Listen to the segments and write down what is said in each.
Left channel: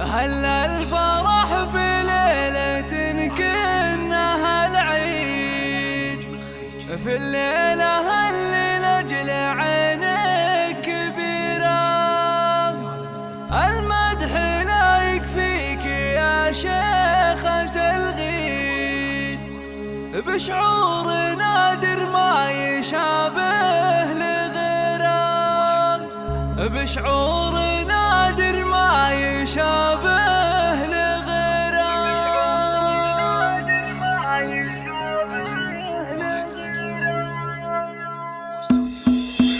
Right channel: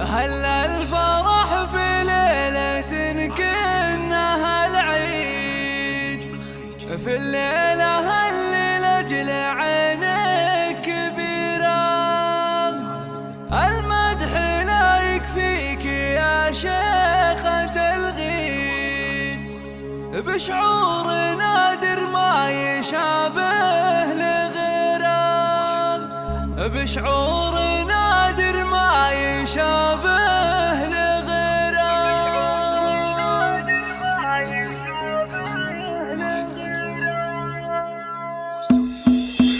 هلا الفرح في ليلة كأنها العيد، في الليلة اللي لأجل عينك كبيرة. المدح لا يكفيك يا شيخة الغيد، بشعور نادر ما يشابه لغيره، بشعور نادر ما يشابه لغيره.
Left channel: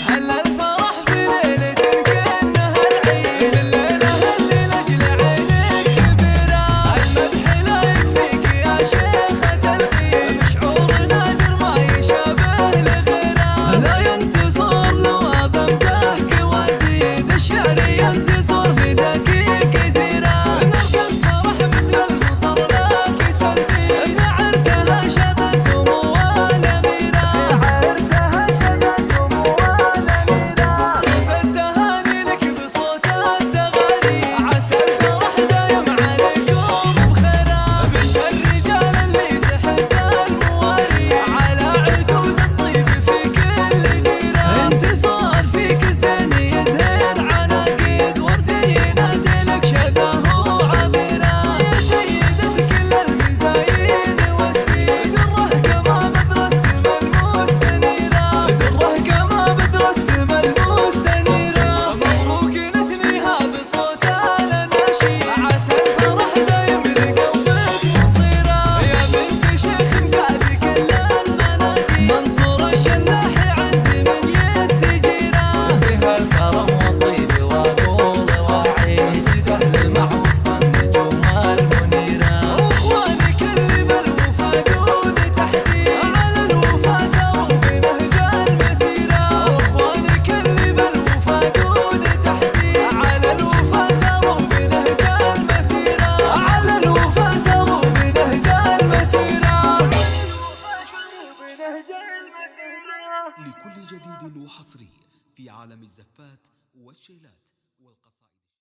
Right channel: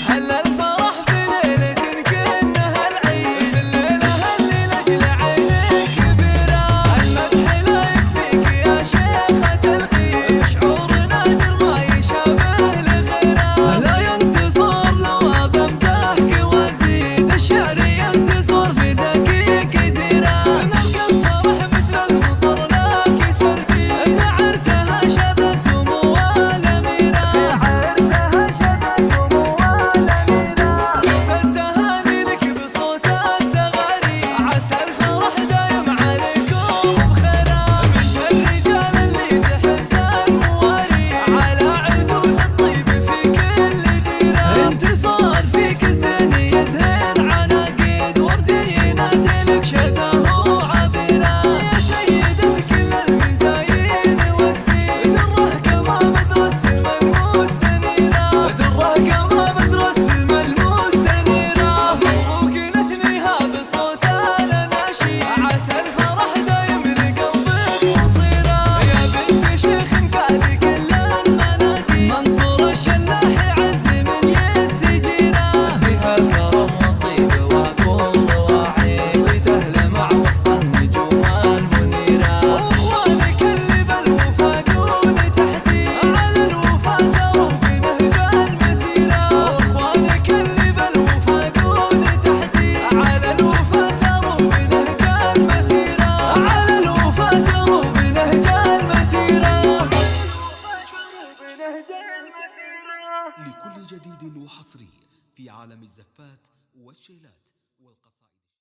هلا الفرح في ليلة كأنها العيد، في الليلة اللي لأجل عينك كبيرة. المدح لا يكفيك يا شيخة الغيد، بشعور نادر ما يشابه لغيره. لا ينتصر لو أبمتحك وأزيد، الشعر ينتصر في دقيق كثيرة. نرقص فرح مثل المطر لك سلبي، في عرسها شذا سمو الأميرة، في عرسها شذا سمو الأميرة. صوت التهاني لك بصوت التغاري، عسى الفرح دايم عليكم بخيره. بنت الرجال اللي تحت المواري، على عدود الطيب في كل ديرة. انتصار فيك الزين يزهر عناقيد، ورد ينادي لك شذاه عبيرة. يا سيدة كل المزايين والسيد، دره كما بدر السما المستنيرة، دره كما بدر السما المستنيرة. مبروك نثنيها بصوت الأناشيد، عسى الفرح دايم لقلبك مصيرة. يا بنت شيخ قاد كل المناقيب، منصور الشلاح يعز من يستجيره. فيها الكرم والطيب وعقول وعيد، صيد أهل مع وسط النجوم المنيرة. واخوانك اللي بالوفا دون تحديد، على الوفا ساروا بنهج المسيرة. واخوانك اللي بالوفا دون تحديد، على الوفا ساروا بنهج المسيرة، على الوفا ساروا بنهج المسيرة. لكل جديد وحصري في عالم الزفات والشيلات والقصائد.